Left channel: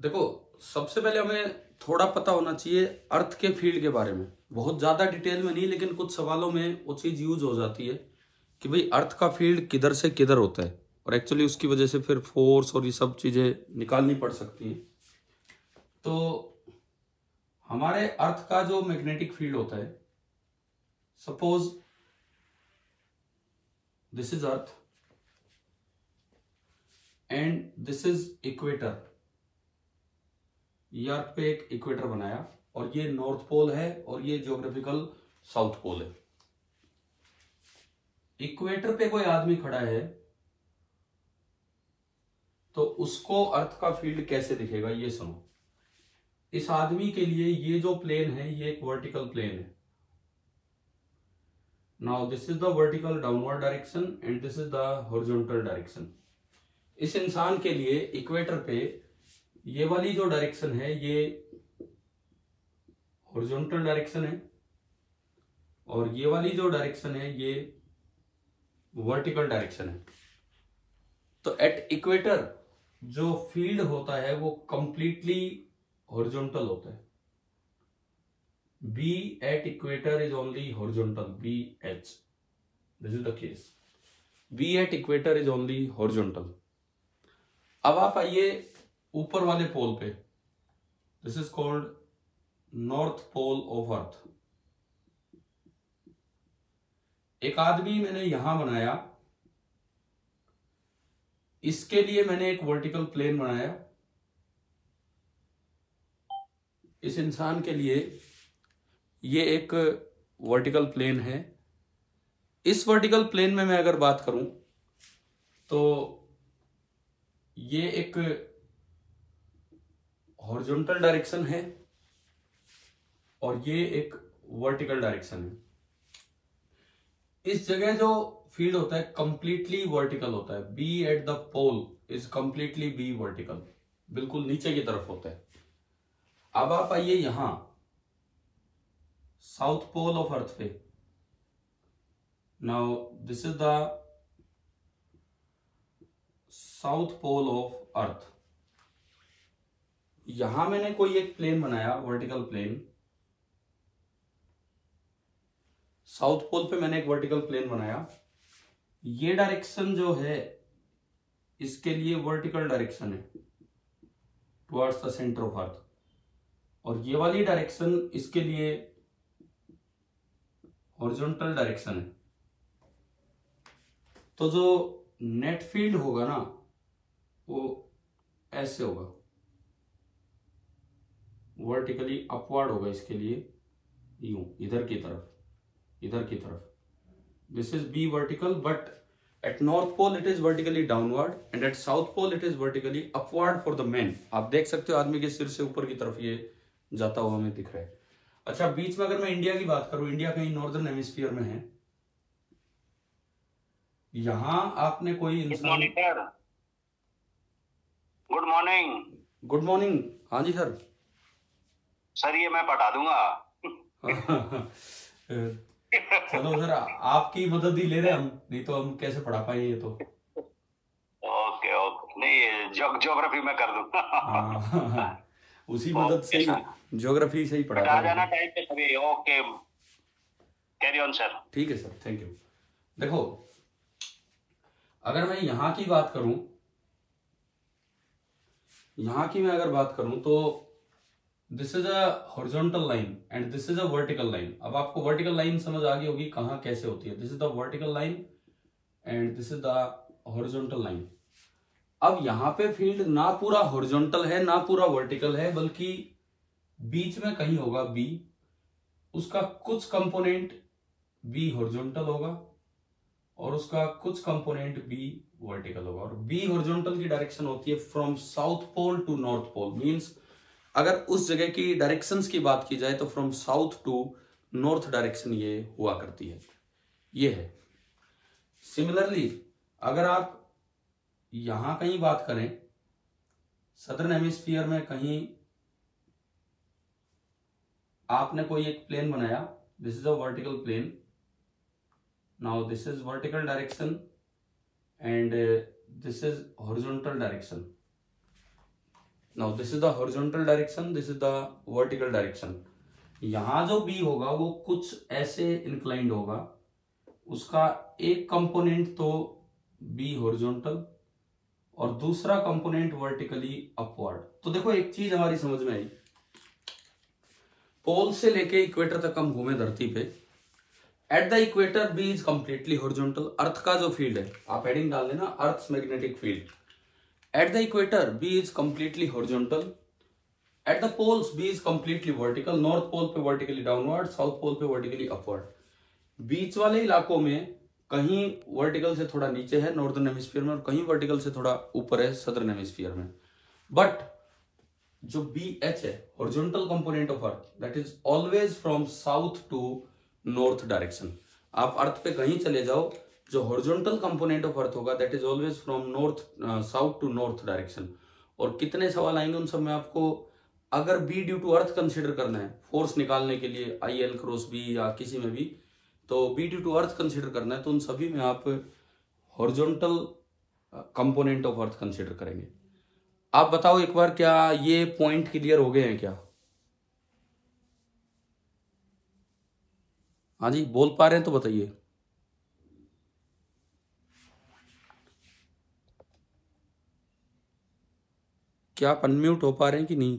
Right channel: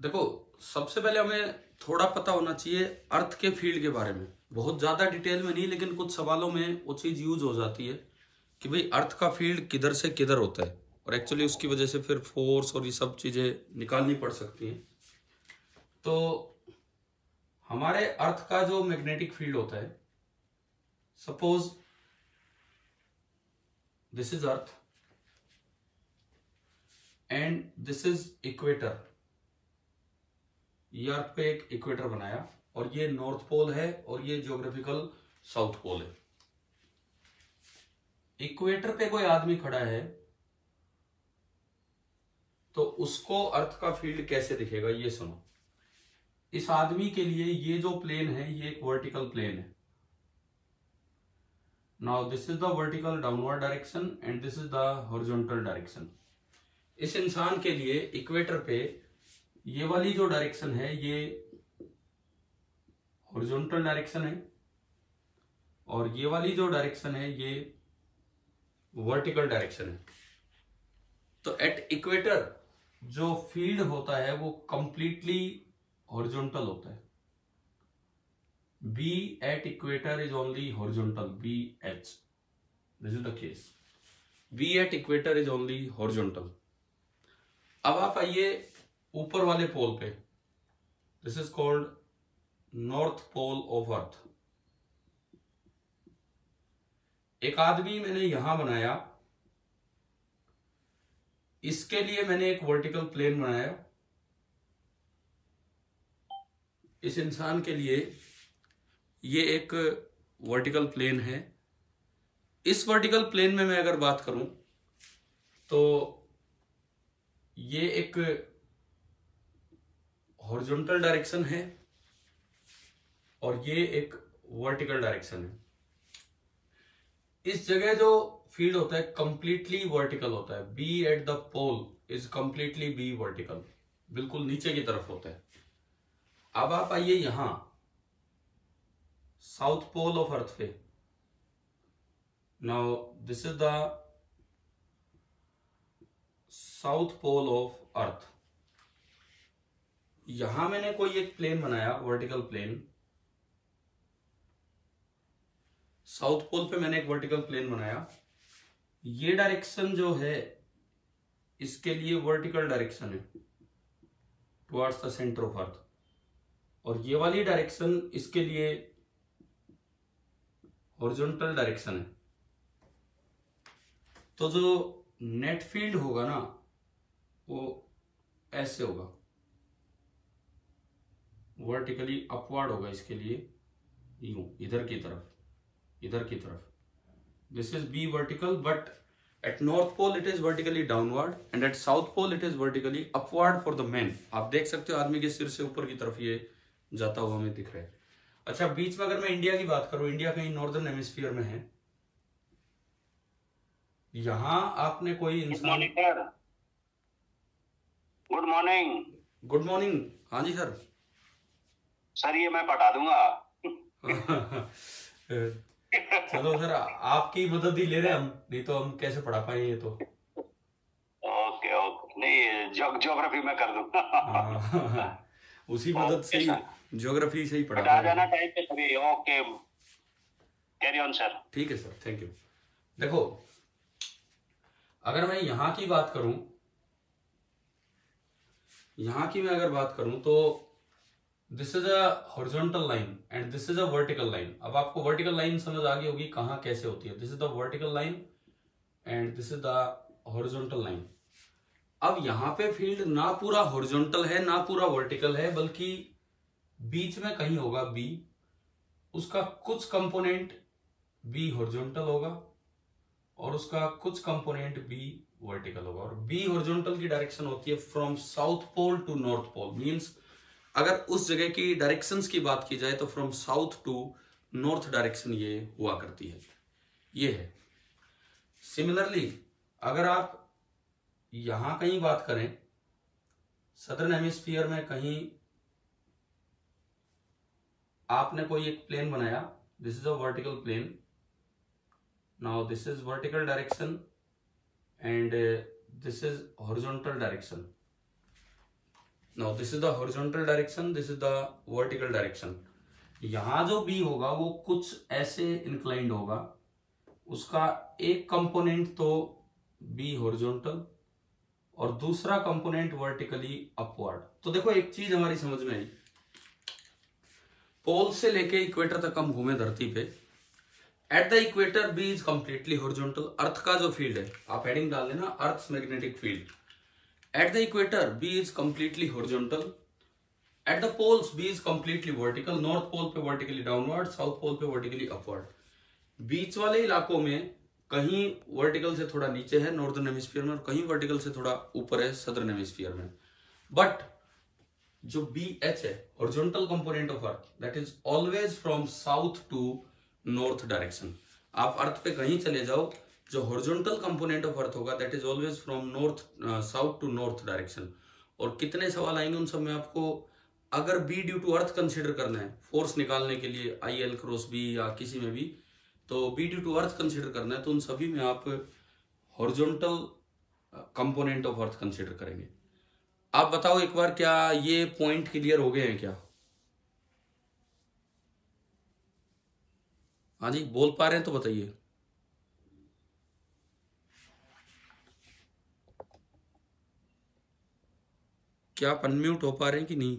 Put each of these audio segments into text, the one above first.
देखो, सबसे पहले हमें थोड़ा पता होना चाहिए अर्थ के फील्ड के बारे में, बहुत ज्यादा डिटेल में नहीं, लेकिन कुछ सवालों में वो चीज यूज हो जाती है कि भाई अर्थ का फील्ड किधर से किधर होता है, और एक्चुअली उसकी वजह से फिर फोर्स और ये सब चीजें निकालनी पड़ सकती हैं। तो हमारे अर्थ का जो मैग्नेटिक फील्ड होता है, suppose this is earth and this is equator. ये अर्थ पे एक इक्वेटर बनाया और ये नॉर्थ पोल है और ये ज्योग्राफिकल साउथ पोल है। इक्वेटर पे कोई आदमी खड़ा है तो उसको अर्थ का फील्ड कैसे दिखेगा, ये सुनो। इस आदमी के लिए ये जो प्लेन है ये एक वर्टिकल प्लेन है। Now this is the vertical downward direction and this is the horizontal direction. इस इंसान के लिए इक्वेटर पे ये वाली जो डायरेक्शन है ये हॉरिजॉन्टल डायरेक्शन है और ये वाली जो डायरेक्शन है ये वर्टिकल डायरेक्शन है। तो एट इक्वेटर जो फील्ड होता है वो कंप्लीटली हॉरिजॉन्टल होता है। B at equator is only horizontal, B H, this is the case. B at equator is only horizontal. अब आप आइए ऊपर वाले पोल पे, this is called north pole of earth. एक आदमी मैंने यहां बनाया, इसके लिए मैंने एक वर्टिकल प्लेन बनाया। इस इंसान के लिए ये एक वर्टिकल प्लेन है। इस वर्टिकल प्लेन में मैं अगर बात करूं तो ये एक हॉरिजॉन्टल डायरेक्शन है और ये एक वर्टिकल डायरेक्शन है। इस जगह जो फील्ड होता है कंप्लीटली वर्टिकल होता है। B at the pole is completely B vertical, बिल्कुल नीचे की तरफ होता है। अब आप आइए यहां साउथ पोल ऑफ अर्थ पे। Now this is the south pole of earth. यहां मैंने कोई एक प्लेन बनाया, वर्टिकल प्लेन। साउथ पोल पे मैंने एक वर्टिकल प्लेन बनाया। ये डायरेक्शन जो है इसके लिए वर्टिकल डायरेक्शन है towards the centre of earth, और ये वाली डायरेक्शन इसके लिए हॉरिजॉन्टल डायरेक्शन है। तो जो नेट फील्ड होगा ना वो ऐसे होगा, वर्टिकली अपवर्ड होगा इसके लिए, यूं इधर की तरफ, इधर की तरफ। This is B vertical, but at north pole it is vertically downward and at south pole it is vertically upward for the man. आप देख सकते हो आदमी के सिर से ऊपर की तरफ ये जाता हुआ हमें दिख रहा है। अच्छा, बीच में अगर मैं इंडिया की बात करूं, इंडिया कहीं नॉर्दर्न हेमिस्फीयर में है। यहां आपने कोई इंसान, गुड मॉर्निंग। Good morning. हाँ जी सर। सर ये मैं पढ़ा दूंगा। चलो सर, आपकी मदद ही ले रहे हम, नहीं तो हम कैसे पढ़ा पाएंगे ये तो। ओके ओके, नहीं ज्योग्राफी में कर दूंगा। हाँ, उसी मदद से ही ज्योग्राफी से ही पढ़ा आ जाना टाइम पे सभी। Okay, carry on sir. ठीक है सर, थैंक यू। देखो, अगर मैं यहां की बात करूं, यहां की मैं अगर बात करूं तो this is a horizontal line and this is a vertical line. अब आपको वर्टिकल लाइन समझ आ गई होगी कहां कैसे होती है। This is the vertical line and this is the horizontal line. अब यहां पे फील्ड ना पूरा हॉरिजॉन्टल है ना पूरा वर्टिकल है, बल्कि बीच में कहीं होगा बी। उसका कुछ कंपोनेंट बी हॉरिजॉन्टल होगा और उसका कुछ कंपोनेंट बी वर्टिकल होगा। और बी हॉरिजॉन्टल की डायरेक्शन होती है from south pole to north pole. Means अगर उस जगह की डायरेक्शंस की बात की जाए तो from south to north direction ये हुआ करती है, ये है। सिमिलरली अगर आप यहां कहीं बात करें, सदर्न हेमिस्फीयर में कहीं आपने कोई एक प्लेन बनाया, this is a vertical plane. Now this is vertical direction and this is horizontal direction. Now this is the horizontal direction, this is the vertical direction. यहां जो बी होगा वो कुछ ऐसे इंक्लाइंड होगा, उसका एक कंपोनेंट तो बी हॉरिजॉन्टल और दूसरा कंपोनेंट वर्टिकली अपवर्ड। तो देखो एक चीज हमारी समझ में आई, पोल से लेके इक्वेटर तक हम घूमे धरती पे, at the equator B is completely horizontal. Earth का जो फील्ड है, आप हेडिंग डाल लेना earth magnetic field, at the equator B is completely horizontal, at the poles B is completely vertical, north pole पे वर्टिकली डाउनवर्ड, साउथ पोल पे vertically upward. बीच वाले इलाकों में कहीं वर्टिकल से थोड़ा नीचे है नॉर्दर्न हेमिस्फीयर में, और कहीं वर्टिकल से थोड़ा ऊपर है सदर्न हेमिस्फीयर में। बट जो बी एच है, horizontal component of earth, that is always from south to north direction. आप अर्थ पे कहीं चले जाओ, जो हॉरिजॉन्टल कंपोनेंट ऑफ अर्थ होगा that is always from north south to north direction. और कितने सवाल आएंगे उन सब में आपको, अगर B due to earth consider करना है फोर्स निकालने के लिए आई एल क्रॉस बी या किसी में भी, तो B due to earth consider करना है तो उन सभी में आप horizontal component of earth consider करेंगे। आप बताओ एक बार, क्या ये पॉइंट क्लियर हो गए हैं क्या? हाँ जी, बोल पा रहे हैं तो बताइए। क्या आप अनम्यूट हो पा रहे हैं कि नहीं?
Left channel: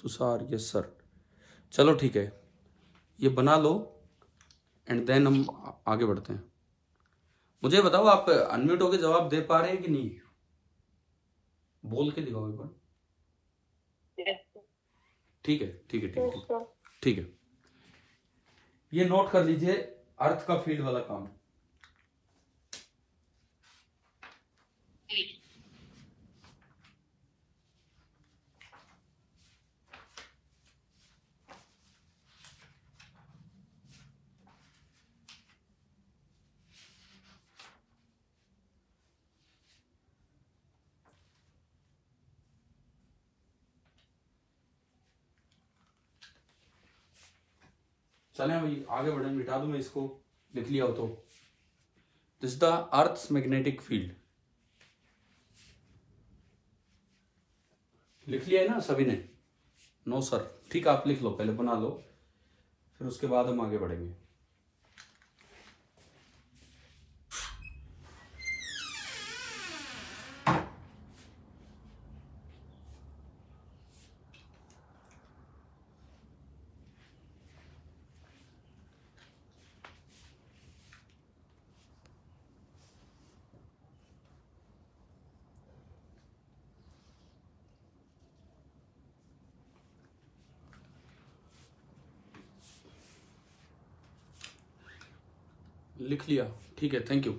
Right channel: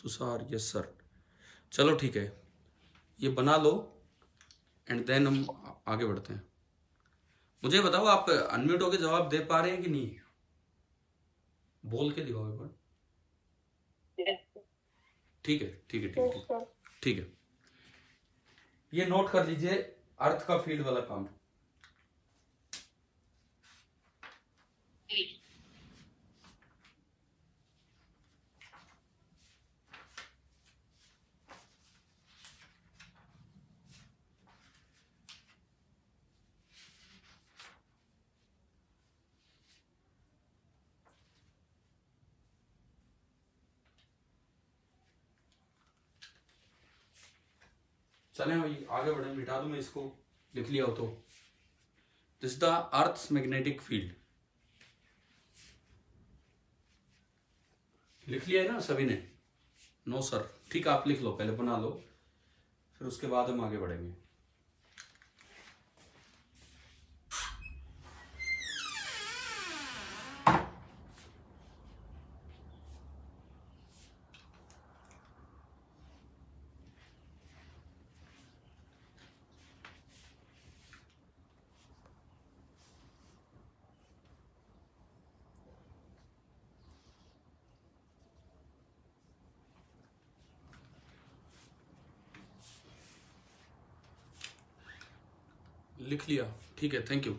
Tushar, yes sir. चलो ठीक है, ये बना लो एंड देन हम आगे बढ़ते हैं। मुझे बताओ आप अनम्यूट होके जवाब दे पा रहे हैं कि नहीं? बोल के दिखाओ एक बार। ठीक है ठीक है ठीक है ठीक है। ये नोट कर लीजिए, अर्थ का फील्ड वाला काम। चलें अभी आगे बढ़े, मिटा दूं मैं इसको, लिख लिया हो तो। This the earth magnetic field, लिख लिया है ना सभी ने? नो सर, ठीक, आप लिख लो, पहले बना लो, फिर उसके बाद हम आगे बढ़ेंगे। लिख लिया, ठीक है, थैंक यू।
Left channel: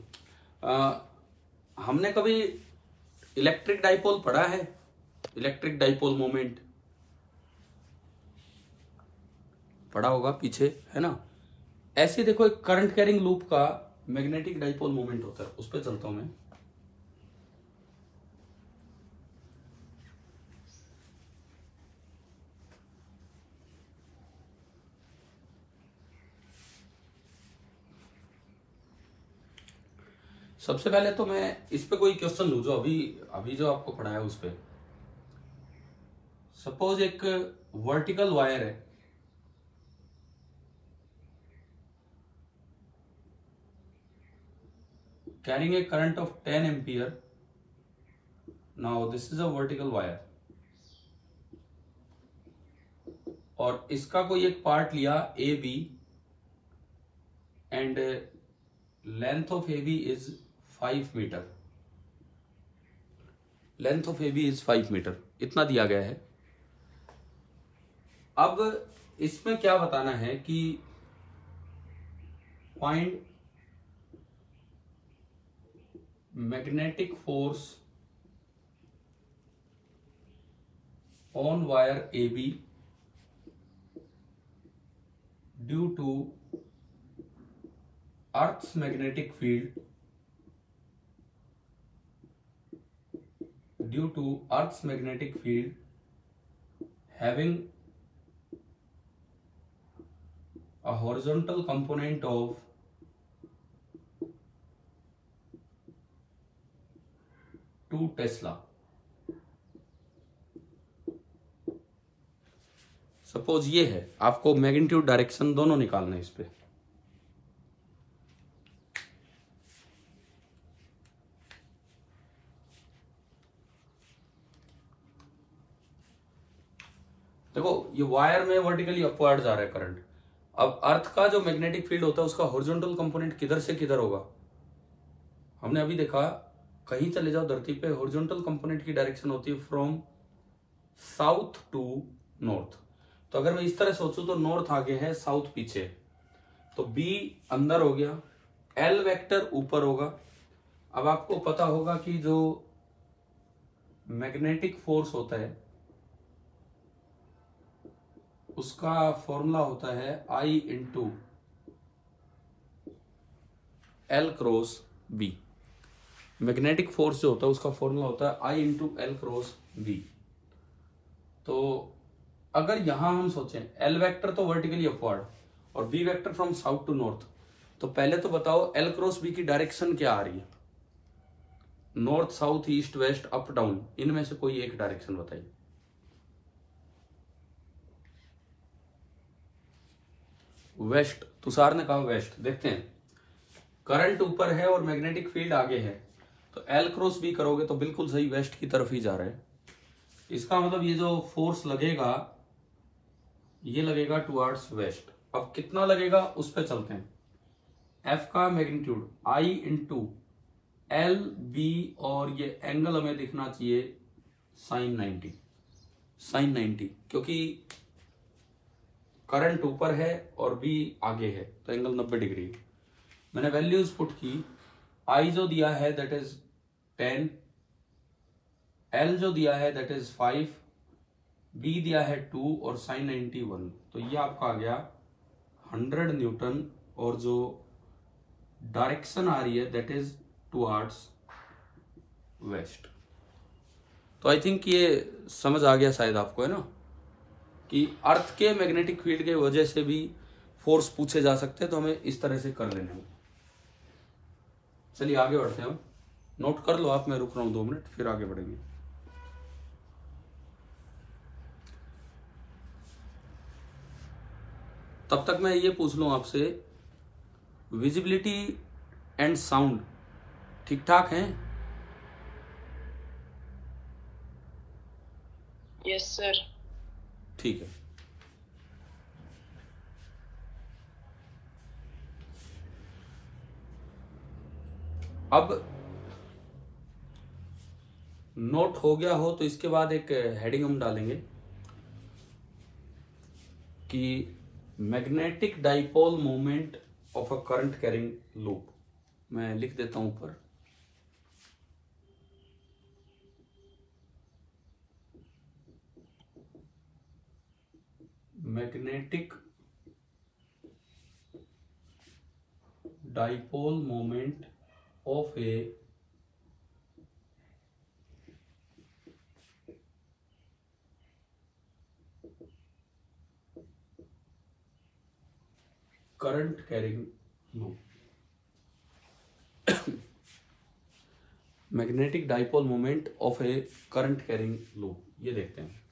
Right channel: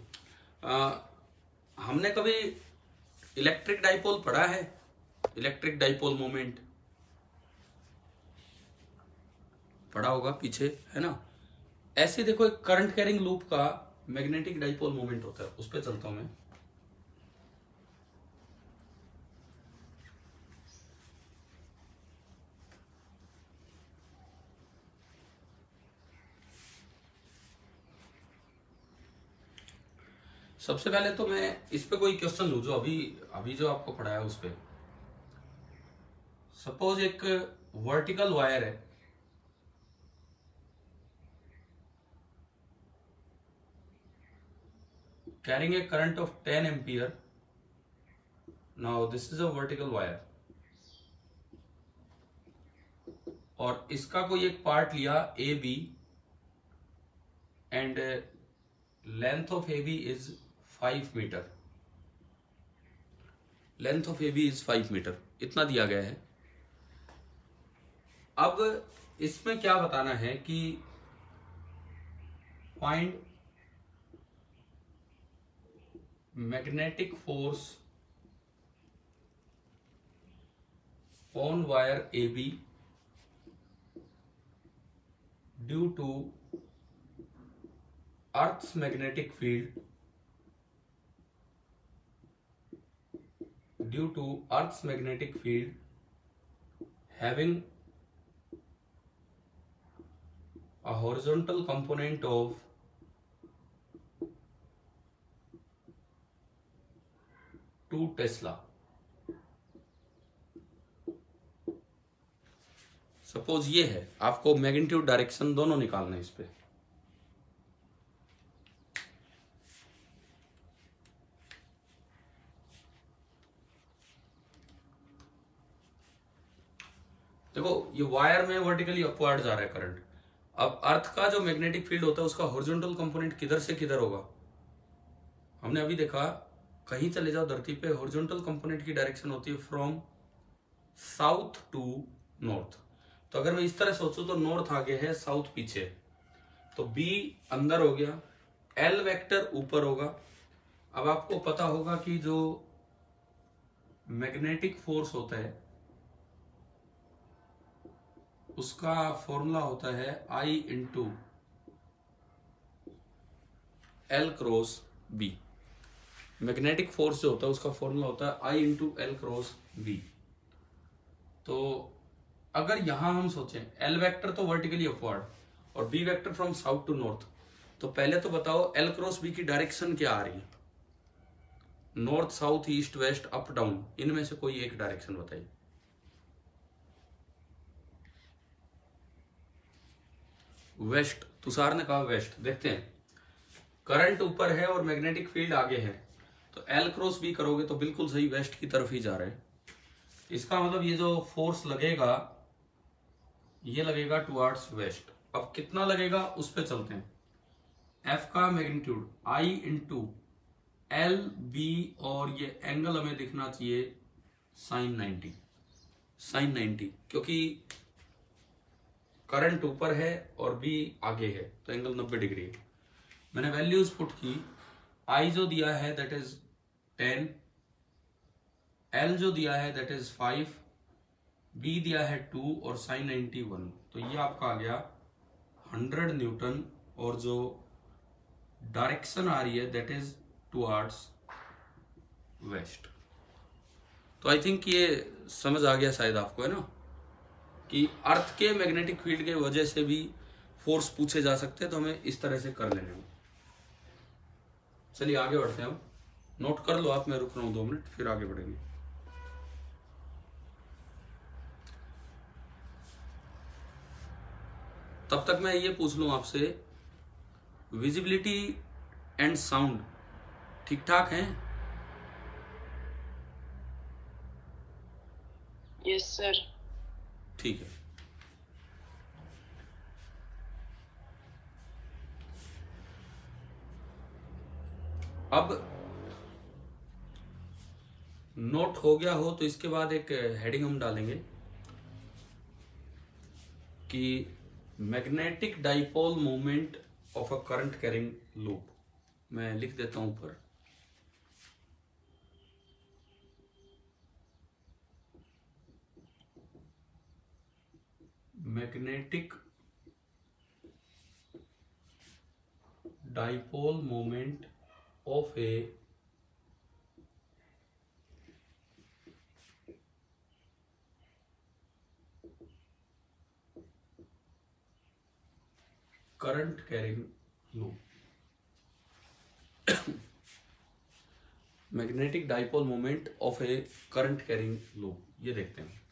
हमने कभी इलेक्ट्रिक डाइपोल पढ़ा है? इलेक्ट्रिक डाइपोल मोमेंट पढ़ा होगा पीछे, है ना? ऐसे देखो, एक करंट कैरिंग लूप का मैग्नेटिक डाइपोल मोमेंट होता है, उस पर चलता हूं मैं। सबसे पहले तो मैं इस पे कोई क्वेश्चन लूँ जो अभी जो आपको पढ़ाया उस पे। सपोज एक वर्टिकल वायर है, carrying a current of 10 ampere. Now this is a vertical wire, और इसका कोई एक पार्ट लिया A B, and length of A B is 5 meter. Length of A B is 5 meter, इतना दिया गया है। अब इसमें क्या बताना है कि find magnetic force on wire A B due to earth's magnetic field, due to Earth's magnetic field having a horizontal component of 2 Tesla, suppose ये है, आपको मैग्नीट्यूड डायरेक्शन दोनों निकालना है इस पे। देखो ये वायर में वर्टिकली अपवर्ड जा रहा है करंट। अब अर्थ का जो मैग्नेटिक फील्ड होता है उसका हॉरिजॉन्टल कंपोनेंट किधर से किधर होगा? हमने अभी देखा, कहीं चले जाओ धरती पे, हॉरिजॉन्टल कंपोनेंट की डायरेक्शन होती है फ्रॉम साउथ टू नॉर्थ। तो अगर मैं इस तरह सोचूं तो नॉर्थ आगे है, साउथ पीछे, तो बी अंदर हो गया, एल वेक्टर ऊपर होगा। अब आपको पता होगा कि जो मैग्नेटिक फोर्स होता है उसका फॉर्मूला होता है I into L cross B. Magnetic force जो होता है उसका फॉर्मूला होता है I into L cross B. तो अगर यहां हम सोचें, एल वेक्टर तो वर्टिकली अपवर्ड और B vector from south to north, तो पहले तो बताओ एल क्रॉस बी की डायरेक्शन क्या आ रही है? North, south, east, west, up, down, इनमें से कोई एक डायरेक्शन बताइए। वेस्ट, तुषार ने कहा वेस्ट। देखते हैं, करंट ऊपर है और मैग्नेटिक फील्ड आगे है, तो एल क्रॉस बी करोगे तो बिल्कुल सही वेस्ट की तरफ ही जा रहा है। इसका मतलब ये जो फोर्स लगेगा ये लगेगा टुवर्ड्स वेस्ट। अब कितना लगेगा उस पर चलते हैं। एफ का magnitude I into L B, और ये एंगल हमें दिखना चाहिए साइन 90, साइन 90, क्योंकि करंट ऊपर है और बी आगे है तो एंगल 90 डिग्री है। मैंने वैल्यूज पुट की, I जो दिया है दैट इज 10, L जो दिया है दैट इज 5, B दिया है 2 और साइन 90 1। तो ये आपका आ गया 100 न्यूटन, और जो डायरेक्शन आ रही है दैट इज टुवर्ड्स वेस्ट। तो आई थिंक ये समझ आ गया शायद आपको, है ना, कि अर्थ के मैग्नेटिक फील्ड के वजह से भी फोर्स पूछे जा सकते हैं, तो हमें इस तरह से कर लेने हैं। चलिए आगे बढ़ते हैं। नोट कर लो आप, मैं रुक रहा हूं 2 मिनट, फिर आगे बढ़ेंगे। तब तक मैं ये पूछ लूं आपसे, विजिबिलिटी एंड साउंड ठीक ठाक है? Yes sir. ठीक है। अब नोट हो गया हो तो इसके बाद एक हेडिंग हम डालेंगे कि magnetic dipole moment of a current carrying loop. मैं लिख देता हूं ऊपर, magnetic dipole moment of A current carrying loop. Magnetic dipole moment of A current carrying loop, ये देखते हैं।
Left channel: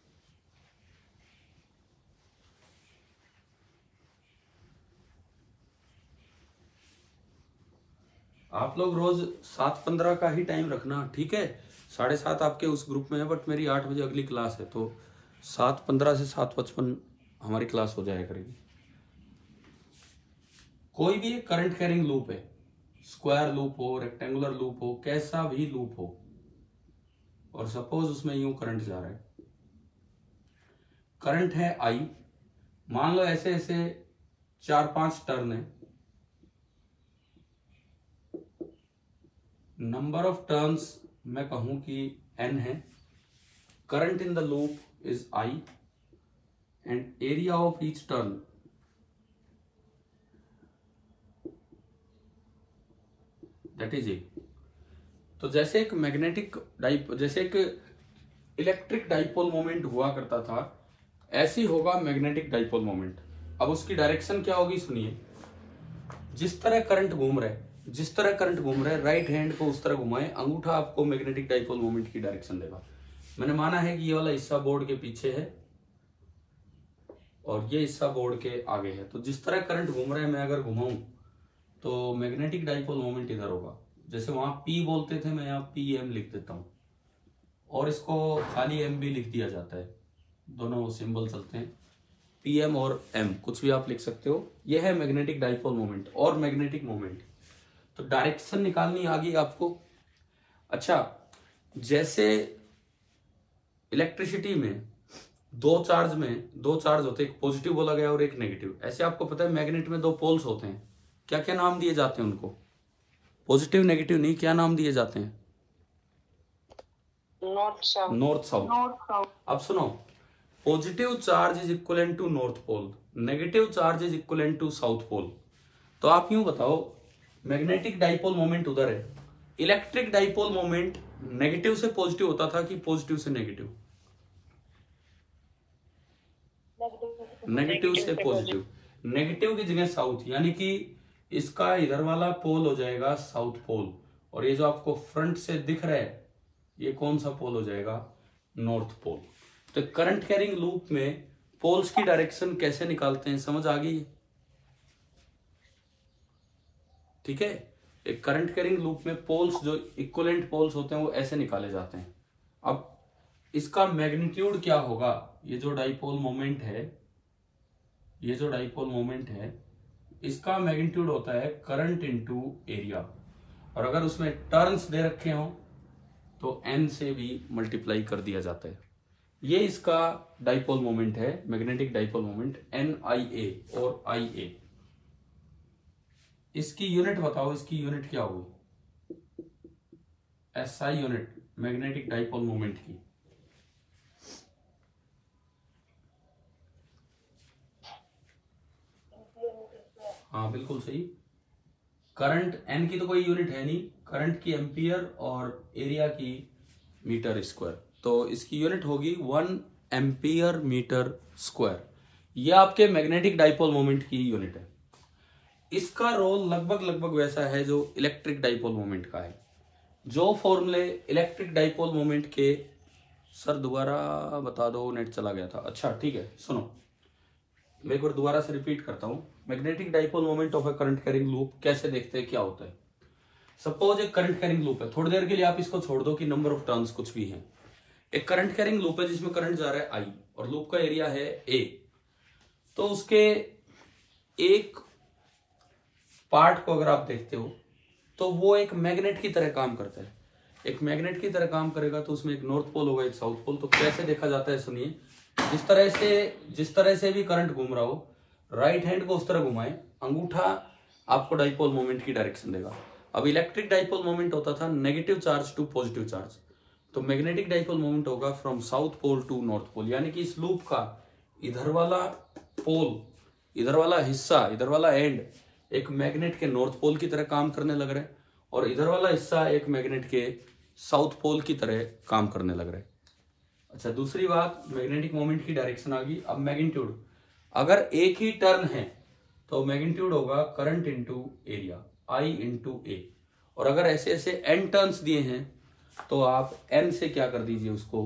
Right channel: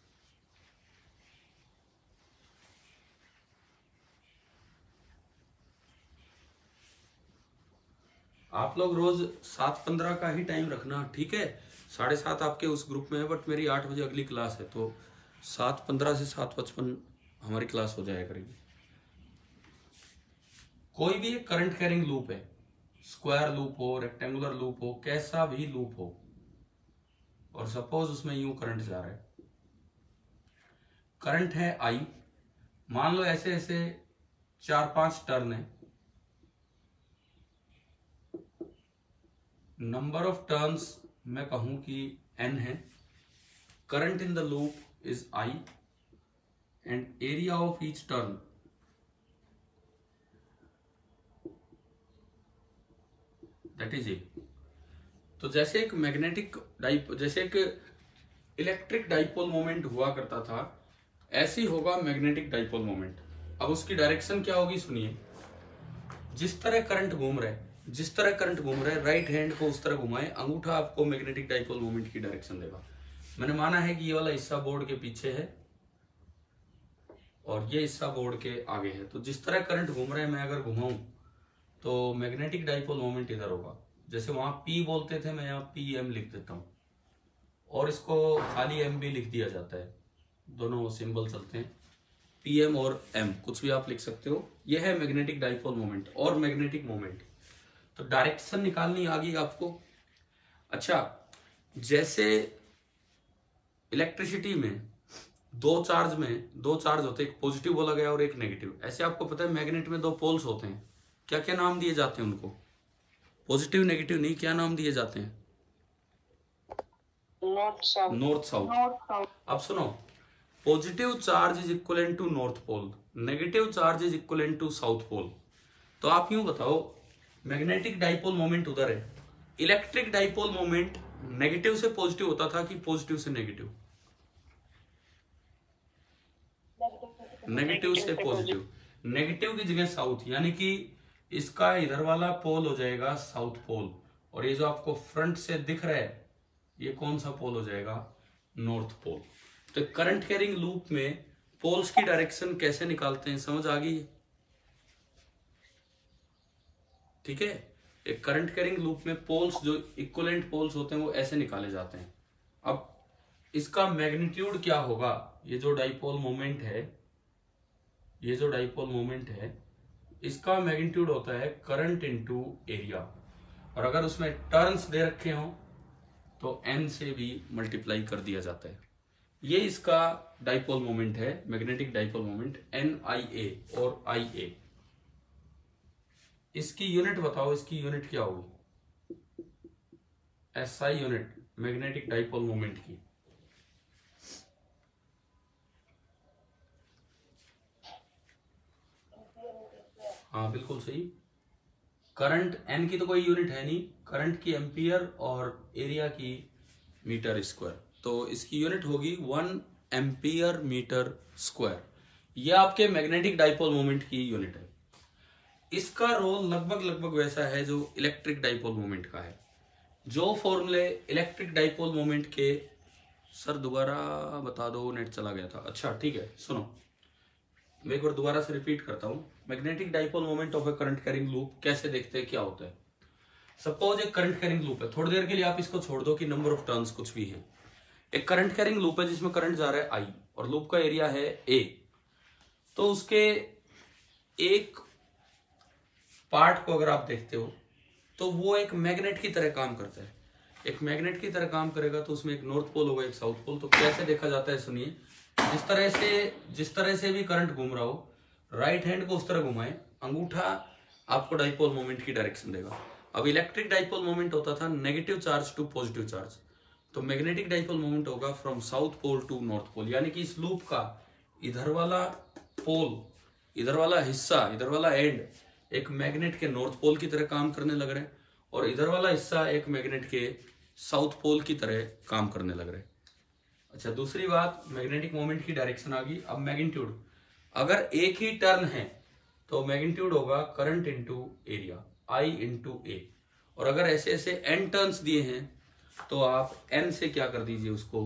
आप लोग रोज 7:15 का ही टाइम रखना, ठीक है? 7:30 आपके उस ग्रुप में है, बट मेरी 8 बजे अगली क्लास है, तो 7:15 से 7:55 हमारी क्लास हो जाया करेगी। कोई भी करंट कैरिंग लूप है, स्क्वायर लूप हो, रेक्टेंगुलर लूप हो, कैसा भी लूप हो, और सपोज उसमें यूं करंट जा रहा है, करंट है I, मान लो ऐसे ऐसे 4-5 टर्न है, नंबर ऑफ टर्न्स मैं कहूं कि n है, current in the loop is I and area of each turn that is a. तो जैसे एक मैग्नेटिक जैसे एक इलेक्ट्रिक डाइपोल मोमेंट हुआ करता था, ऐसे ही होगा मैग्नेटिक डाइपोल मोमेंट। अब उसकी डायरेक्शन क्या होगी सुनिए, जिस तरह करंट घूम रहा है, जिस तरह करंट घूम रहा है, राइट हैंड को उस तरह घुमाए, अंगूठा आपको मैग्नेटिक डाइपोल मोमेंट की डायरेक्शन देगा। मैंने माना है कि ये वाला हिस्सा बोर्ड के पीछे है, और ये हिस्सा बोर्ड के आगे है। तो जिस तरह करंट घूम रहा है, मैं अगर घुमाऊं तो मैग्नेटिक डाइपोल मोमेंट इधर होगा। जैसे वहां P बोलते थे, मैं यहाँ PM लिख देता हूं, और इसको खाली M भी लिख दिया जाता है, दोनों सिंबल चलते हैं, PM और M, कुछ भी आप लिख सकते हो। यह है मैग्नेटिक डाइपोल मोमेंट और मैग्नेटिक मोमेंट। तो डायरेक्शन निकालनी आ गई आपको। अच्छा, जैसे इलेक्ट्रिसिटी में दो चार्ज होते हैं, एक पॉजिटिव बोला गया और एक नेगेटिव। ऐसे आपको पता है मैग्नेट में दो पोल्स होते हैं, क्या क्या नाम दिए जाते हैं उनको? पॉजिटिव नेगेटिव नहीं, क्या नाम दिए जाते हैं? North south. अब सुनो, positive charge is equivalent to north pole, negative charge is equivalent to south pole. तो आप यूं बताओ, मैग्नेटिक डाइपोल मोमेंट उधर है, इलेक्ट्रिक डाइपोल मोमेंट नेगेटिव से पॉजिटिव होता था कि पॉजिटिव से नेगेटिव? नेगेटिव से पॉजिटिव। नेगेटिव की जगह साउथ, यानी कि इसका इधर वाला पोल हो जाएगा साउथ पोल, और ये जो आपको फ्रंट से दिख रहा है ये कौन सा पोल हो जाएगा? North pole. तो करंट कैरिंग लूप में पोल्स की डायरेक्शन कैसे निकालते हैं, समझ आ गई? ठीक है, एक करंट कैरिंग लूप में पोल्स, जो इक्विवेलेंट पोल्स होते हैं, वो ऐसे निकाले जाते हैं। अब इसका मैग्नीट्यूड क्या होगा? ये जो डाइपोल मोमेंट है, इसका मैग्नीट्यूड होता है करंट इनटू एरिया, और अगर उसमें टर्न्स दे रखे हो तो N से भी मल्टीप्लाई कर दिया जाता है। ये इसका डाइपोल मोमेंट है, मैग्नेटिक डाइपोल मोमेंट, NIA और IA। इसकी यूनिट बताओ, इसकी यूनिट क्या होगी? SI unit magnetic dipole moment की। हाँ बिल्कुल सही। करंट N की तो कोई यूनिट है नहीं, करंट की एम्पियर और एरिया की मीटर स्क्वायर, तो इसकी यूनिट होगी 1 एम्पियर मीटर स्क्वायर। ये आपके मैग्नेटिक डाइपोल मोमेंट की यूनिट है। इसका रोल लगभग वैसा है जो इलेक्ट्रिक डाइपोल मोमेंट का है। जो फॉर्मूले इलेक्ट्रिक डाइपोल मोमेंट के, सर दोबारा बता दो, नेट चला गया था। अच्छा ठीक है, सुनो मैं एक बार दोबारा से रिपीट करता हूं। Magnetic dipole moment of A current carrying loop कैसे देखते हैं, क्या होता है? सपोज एक करंट कैरिंग लूप है, थोड़ी देर के लिए आप इसको छोड़ दो कि नंबर ऑफ टर्न्स कुछ भी है। एक करंट कैरिंग लूप है जिसमें करंट जा रहा है I और लूप का एरिया है A। तो उसके एक पार्ट को अगर आप देखते हो तो वो एक मैग्नेट की तरह काम करता है। एक मैग्नेट की तरह काम करेगा तो उसमें एक नॉर्थ पोल होगा, एक साउथ पोल। तो कैसे देखा जाता है सुनिए, जिस तरह से भी करंट घूम रहा हो, राइट हैंड को उस तरह घुमाए, अंगूठा आपको डाइपोल मोमेंट की डायरेक्शन देगा। अब इलेक्ट्रिक डाइपोल मोमेंट होता था negative charge to positive charge, तो मैग्नेटिक डाइपोल मोमेंट होगा from south pole to north pole. यानी कि इस लूप का इधर वाला पोल, इधर वाला हिस्सा, इधर वाला एंड एक मैग्नेट के नॉर्थ पोल की तरह काम करने लग रहा है, और इधर वाला हिस्सा एक मैग्नेट के साउथ पोल की तरह काम करने लग रहा है। अच्छा, दूसरी बात, मैग्नेटिक मोमेंट की डायरेक्शन आ गई। अब मैग्नीट्यूड, अगर एक ही टर्न है तो मैग्नीट्यूड होगा current into area, I into A। और अगर ऐसे ऐसे n टर्न्स दिए हैं तो आप n से क्या कर दीजिए, उसको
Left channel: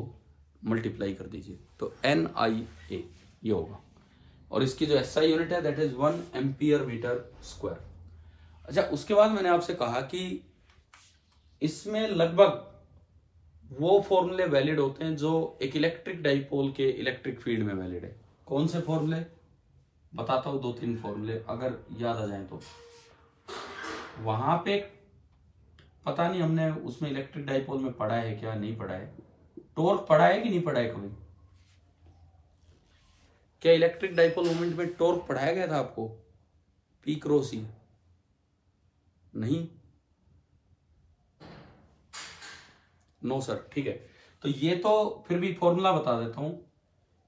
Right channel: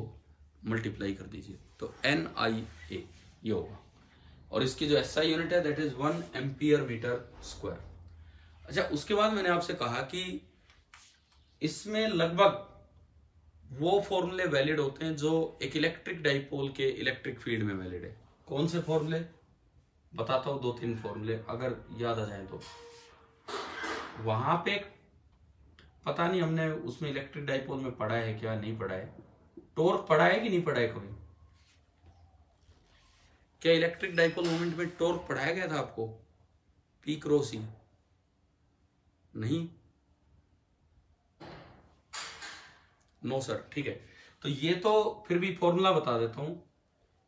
मल्टीप्लाई कर दीजिए, तो NIA ये होगा। और इसकी जो SI यूनिट है that is 1 ampere meter square. अच्छा, उसके बाद मैंने आपसे कहा कि इसमें लगभग वो फॉर्मूले वैलिड होते हैं जो एक इलेक्ट्रिक डाइपोल के इलेक्ट्रिक फील्ड में वैलिड है। कौन से फॉर्मूले बताता हूं, 2-3 फॉर्मूले अगर याद आ जाए तो। वहां पे पता नहीं हमने उसमें इलेक्ट्रिक डाइपोल में पढ़ा है क्या, नहीं पढ़ा है। टॉर्क पढ़ा है कि नहीं पढ़ा है कभी? क्या इलेक्ट्रिक डाइपोल मोमेंट में टॉर्क पढ़ाया गया था आपको? P cross E? नहीं, नो सर। ठीक है, तो ये तो फिर भी फॉर्मूला बता देता हूं।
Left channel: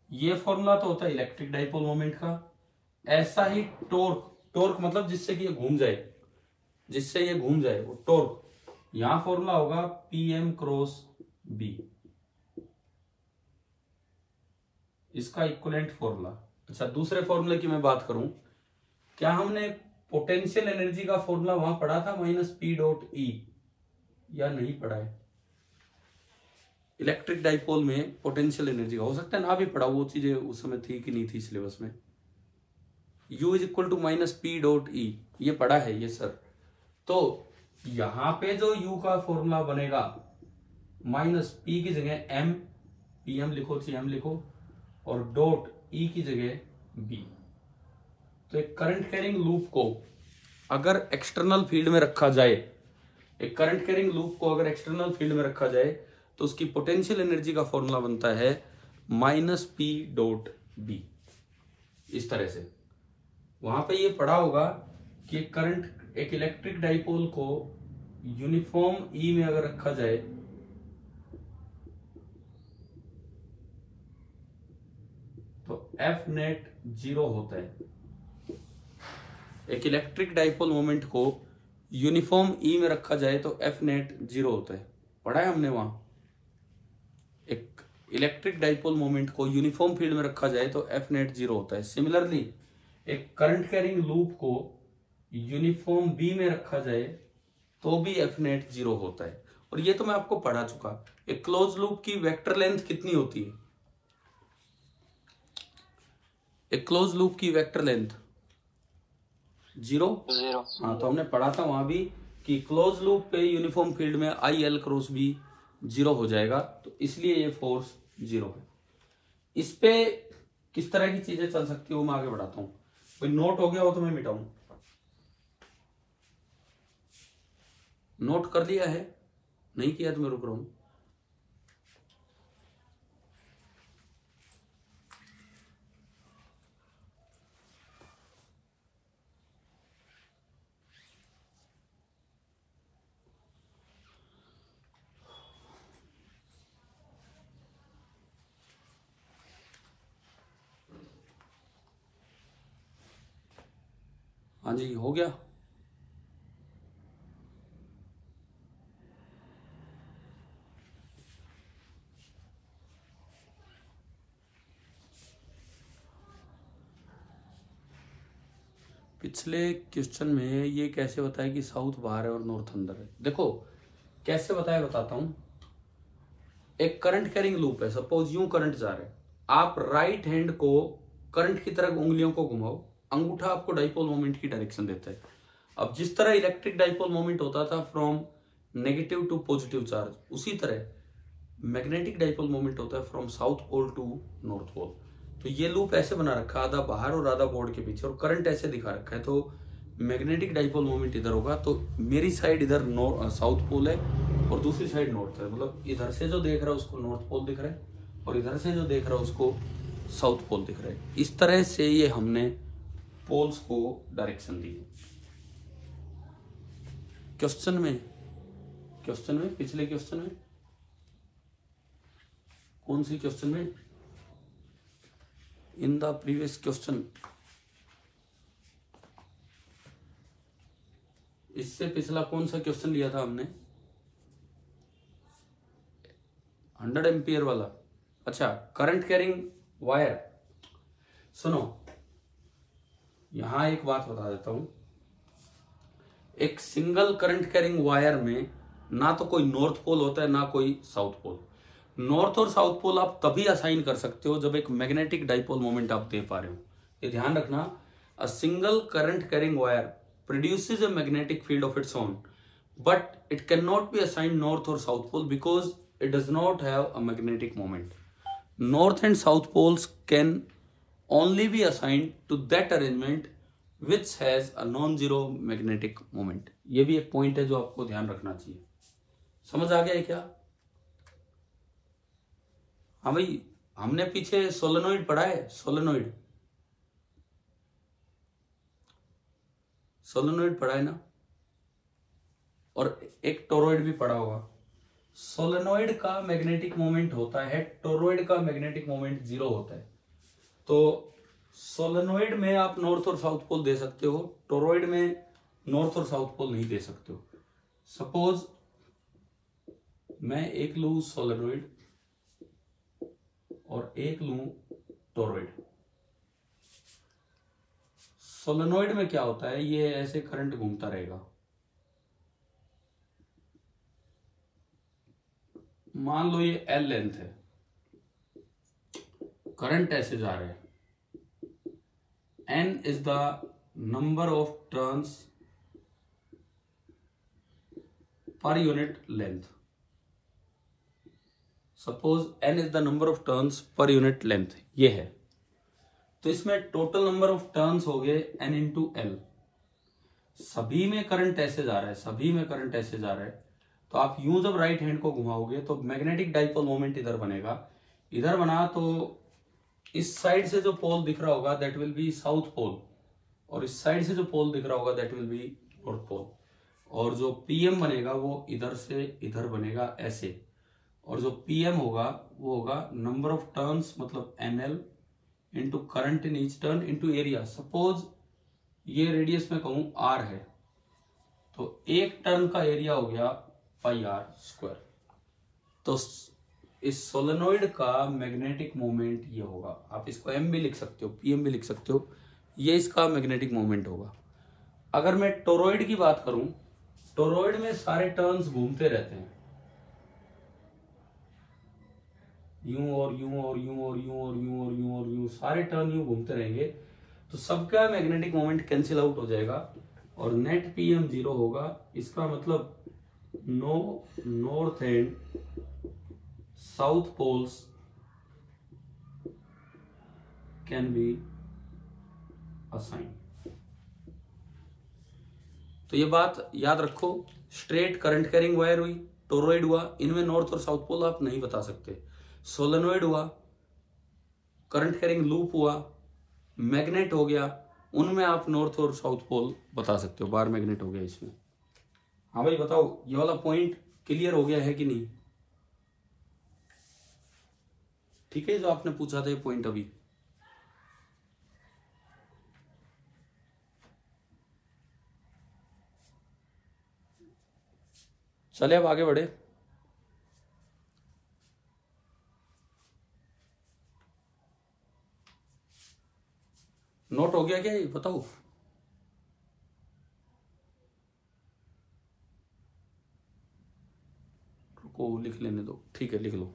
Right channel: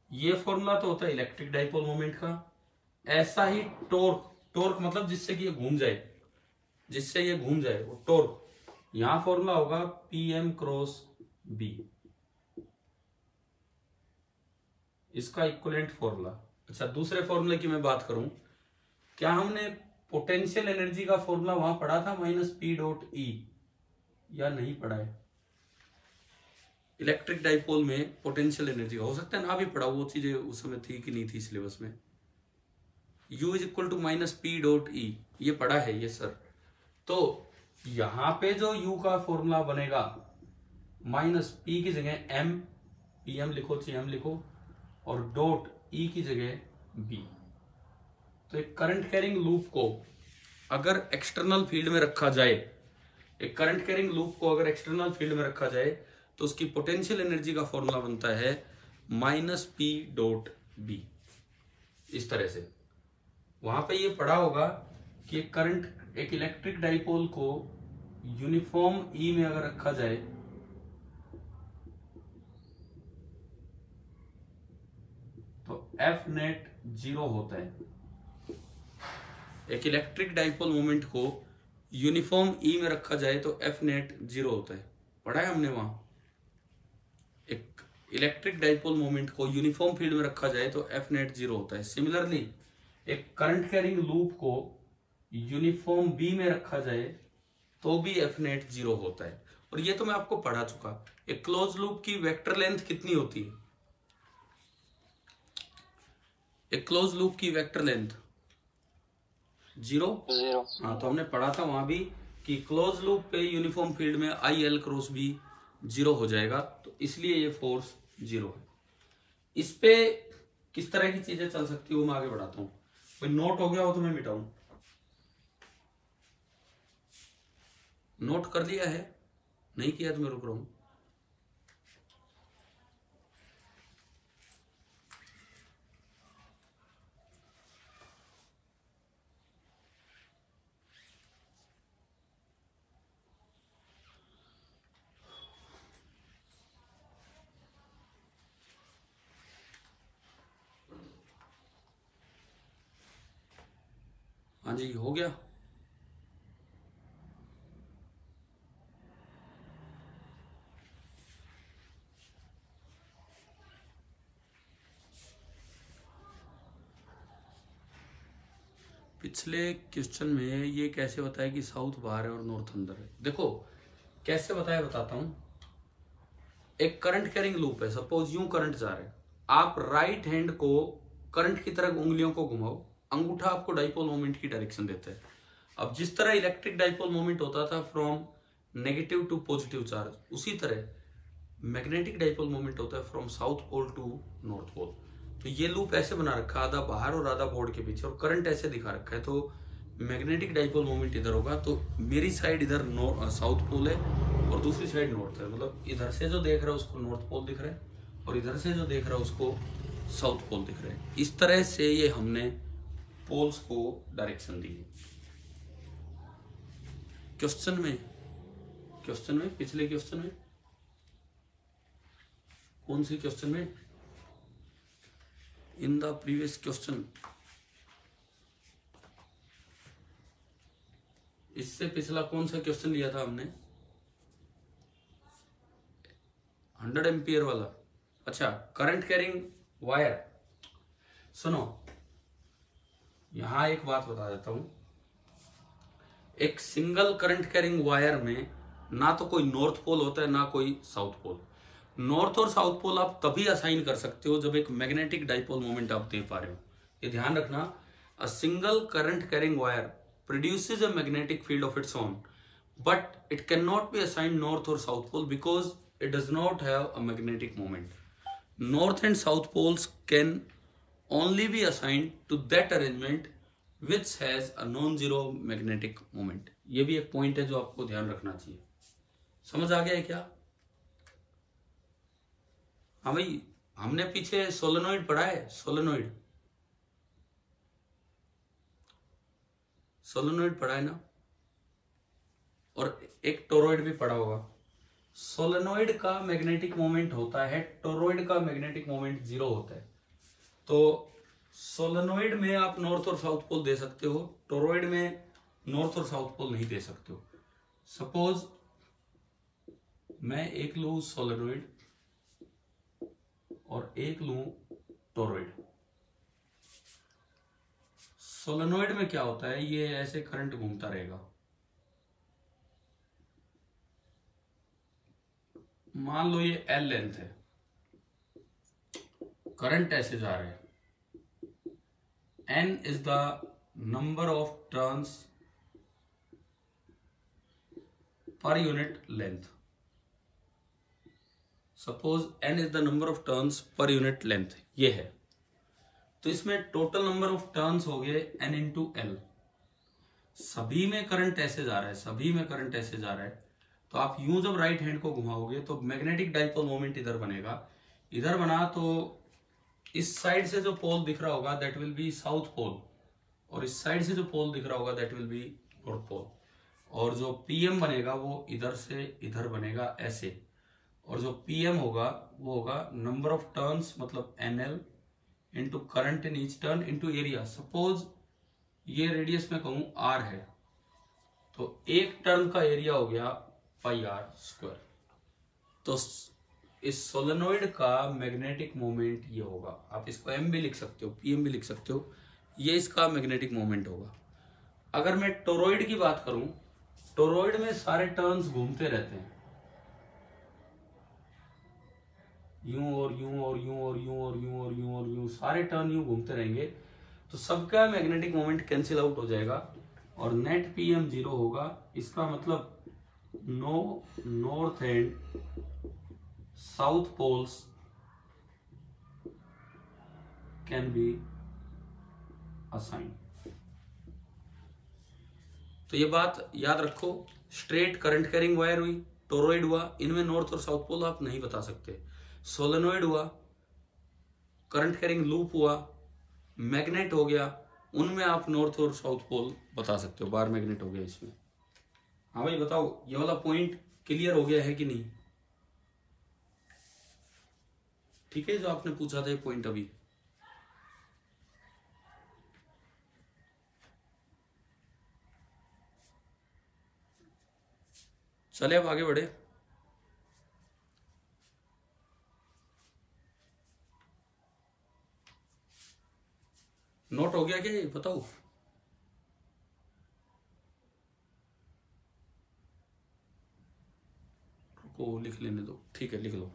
ये फॉर्मूला तो होता है इलेक्ट्रिक डाइपोल मोमेंट का। ऐसा ही टॉर्क मतलब जिससे कि ये घूम जाए, जिससे ये घूम जाए वो टॉर्क। यहां फॉर्मूला होगा PM क्रॉस B, इसका इक्विवेलेंट फॉर्मूला। अच्छा, दूसरे फॉर्मूले की मैं बात करूं, क्या हमने पोटेंशियल एनर्जी का फॉर्मूला वहां पढ़ा था -P डॉट E, या नहीं पढ़ा है? इलेक्ट्रिक डाइपोल में पोटेंशियल एनर्जी, हो सकता है ना भी पढ़ा, वो चीजें उस समय थी कि नहीं थी सिलेबस में। U is equal to minus P dot E, ये पढ़ा है ये सर। तो यहां पे जो U का फॉर्मूला बनेगा, माइनस पी की जगह एम, पी एम लिखो, ची एम लिखो, और डॉट ई की जगह बी। तो एक करंट कैरिंग लूप को अगर एक्सटर्नल फील्ड में रखा जाए, एक करंट कैरिंग लूप को अगर एक्सटर्नल फील्ड में रखा जाए तो उसकी पोटेंशियल एनर्जी का फॉर्मूला बनता है माइनस पी डॉट बी, इस तरह से। वहां पे ये पढ़ा होगा कि एक करंट, एक इलेक्ट्रिक डाइपोल को यूनिफॉर्म ई में अगर रखा जाए तो एफ नेट 0 होता है। एक इलेक्ट्रिक डाइपोल मोमेंट को यूनिफॉर्म ई में रखा जाए तो एफ नेट 0 होता है, पढ़ा है हमने वहां। एक इलेक्ट्रिक डाइपोल मोमेंट को यूनिफॉर्म फील्ड में रखा जाए तो एफ नेट 0 होता है। सिमिलरली एक करंट कैरिंग लूप को यूनिफॉर्म बी में रखा जाए तो भी एफ नेट 0 होता है। और ये तो मैं आपको पढ़ा चुका। एक क्लोज लूप की वेक्टर लेंथ कितनी होती है? एक क्लोज लूप की वेक्टर लेंथ 0। हाँ, तो हमने पढ़ा था वहां भी कि क्लोज लूप पे यूनिफॉर्म फील्ड में आई एल क्रॉस बी 0 हो जाएगा, तो इसलिए ये फोर्स 0 है। इस पे किस तरह की चीजें चल सकती हो मैं आगे बढ़ाता हूं। कोई नोट हो गया हो तो मैं मिटाऊं। नोट कर लिया है? नहीं किया तो मैं रुक रहा हूं। हाँ जी, हो गया। पिछले क्वेश्चन में ये कैसे बताया कि साउथ बाहर है और नॉर्थ अंदर है? देखो कैसे बताया, बताता हूं। एक करंट कैरिंग लूप है, सपोज यूं करंट जा रहा है, आप राइट हैंड को करंट की तरफ उंगलियों को घुमाओ, अंगूठा आपको डाइपोल मोमेंट की डायरेक्शन देता है। अब जिस तरह इलेक्ट्रिक डाइपोल मोमेंट होता था from negative to positive charge, उसी तरह मैग्नेटिक डाइपोल मोमेंट होता है from south pole to north pole. तो ये लूप ऐसे बना रखा, आधा बाहर और आधा बोर्ड के पीछे, और करंट ऐसे दिखा रखा है। तो मैग्नेटिक डाइपोल मोमेंट इधर होगा, तो मेरी साइड इधर साउथ पोल है और दूसरी साइड नॉर्थ है। मतलब इधर से जो देख रहा है उसको नॉर्थ पोल दिख रहा है और इधर से जो देख रहा है उसको साउथ पोल दिख रहा है। इस तरह से ये हमने पोल्स को डायरेक्शन दी। क्वेश्चन में पिछले क्वेश्चन में कौन सी क्वेश्चन में? इन द प्रीवियस क्वेश्चन, इससे पिछला कौन सा क्वेश्चन लिया था हमने? 100 एम्पियर वाला। अच्छा, करंट कैरिंग वायर। सुनो, यहां एक बात बता देता हूं। एक सिंगल करंट कैरिंग वायर में ना तो कोई नॉर्थ पोल होता है ना कोई साउथ पोल। नॉर्थ और साउथ पोल आप तभी असाइन कर सकते हो जब एक मैग्नेटिक डाइपोल मोमेंट आप दे पा रहे हो। ये ध्यान रखना, a single current carrying wire produces a magnetic field of its own, but it can not be assigned north और south pole because it does not have a magnetic moment. North and south poles can only be assigned to that arrangement which has a non-zero magnetic moment। ये भी एक point है जो आपको ध्यान रखना चाहिए। समझ आ गया है क्या? हाँ भाई, हमने पीछे सोलेनोइड पढ़ा है। सोलेनोइड पढ़ा है ना, और एक टोरॉइड भी पढ़ा होगा। सोलेनोइड का मैग्नेटिक मोमेंट होता है, टोरॉइड का मैग्नेटिक मोमेंट 0 होता है। तो सोलेनोइड में आप नॉर्थ और साउथ पोल दे सकते हो, टोरॉइड में नॉर्थ और साउथ पोल नहीं दे सकते हो। सपोज मैं एक लूं सोलेनोइड और एक लूं टोरॉइड। सोलेनोइड में क्या होता है, ये ऐसे करंट घूमता रहेगा, मान लो ये L लेंथ है, करंट ऐसे जा रहे हैं, N is the number of turns per unit length. Suppose N is the number of turns per unit length, ये है। तो इसमें टोटल नंबर ऑफ टर्न्स हो गए N इंटू L। सभी में करंट ऐसे जा रहा है, सभी में करंट ऐसे जा रहा है, तो आप यूं जब राइट हैंड को घुमाओगे तो मैग्नेटिक डाइपोल मोमेंट इधर बनेगा। इधर बना तो इस साइड से जो पोल दिख रहा होगा that will be south pole, और इस साइड से जो पोल दिख रहा होगा that will be north pole. और जो पीएम बनेगा वो इधर से इधर बनेगा ऐसे, और जो पीएम होगा वो होगा नंबर ऑफ टर्न्स मतलब NL into current in each turn into area. Suppose ये रेडियस में कहूं आर है, तो एक टर्न का एरिया हो गया पाई आर स्क्वायर। तो इस सोलेनोइड का मैग्नेटिक मोमेंट ये होगा, आप इसको एम भी लिख सकते हो, पीएम भी लिख सकते हो, ये इसका मैग्नेटिक मोमेंट होगा। अगर मैं टोरॉइड की बात करूं, टोरॉइड में सारे टर्न्स घूमते रहते हैं, यूं और यूं और यूं और यूं और यूं और यूं और यूं, सारे टर्न यूं घूमते रहेंगे, तो सबका मैग्नेटिक मोमेंट कैंसिल आउट हो जाएगा और नेट पीएम 0 होगा। इसका मतलब no north and south poles can be assign. तो ये बात याद रखो, स्ट्रेट करंट कैरिंग वायर हुई, टोरॉइड हुआ, इनमें नॉर्थ और साउथ पोल आप नहीं बता सकते। सोलेनोइड हुआ, करंट कैरिंग लूप हुआ, मैग्नेट हो गया, उनमें आप नॉर्थ और साउथ पोल बता सकते हो, बार मैग्नेट हो गया इसमें। हाँ भाई बताओ, ये वाला पॉइंट क्लियर हो गया है कि नहीं? ठीक है, जो आपने पूछा था ये पॉइंट अभी। चले अब आगे बढ़े। नोट हो गया क्या ये बताओ? रुको लिख लेने दो, ठीक है लिख लो।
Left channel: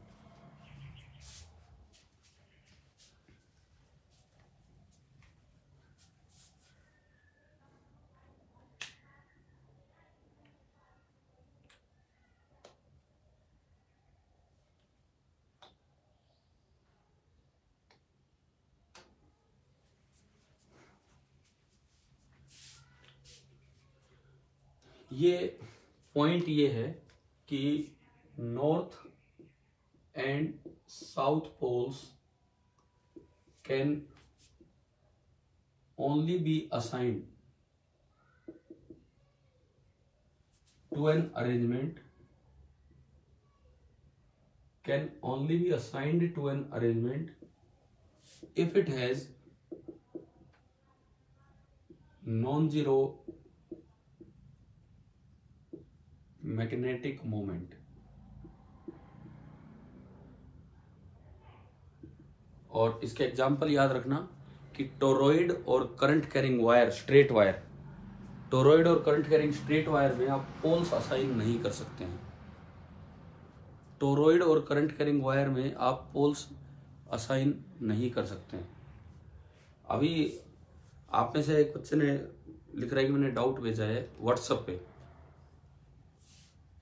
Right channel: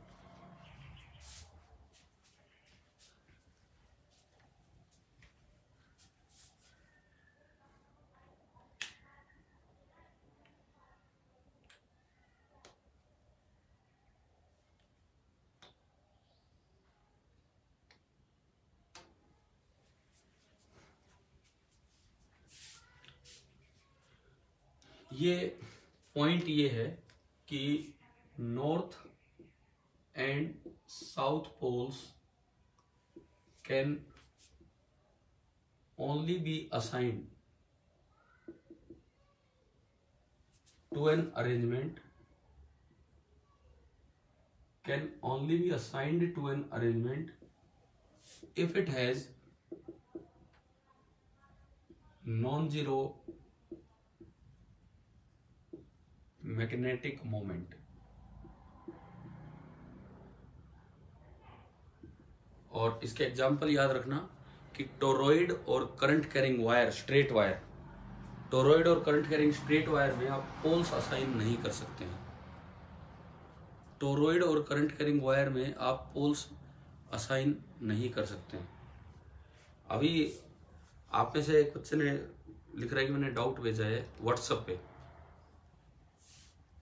ये पॉइंट ये है कि north and south poles can only be assigned to an arrangement, can only be assigned to an arrangement if it has non-zero magnetic moment. और इसके एग्जाम्पल याद रखना कि टोरॉइड और current carrying wire straight wire, toroid और current carrying straight wire में आप poles assign नहीं कर सकते हैं। टोरॉइड और करंट कैरिंग वायर में आप पोल्स असाइन नहीं कर सकते हैं। अभी आप में से एक बच्चे ने लिख रहा है कि मैंने डाउट भेजा है व्हाट्सएप पे,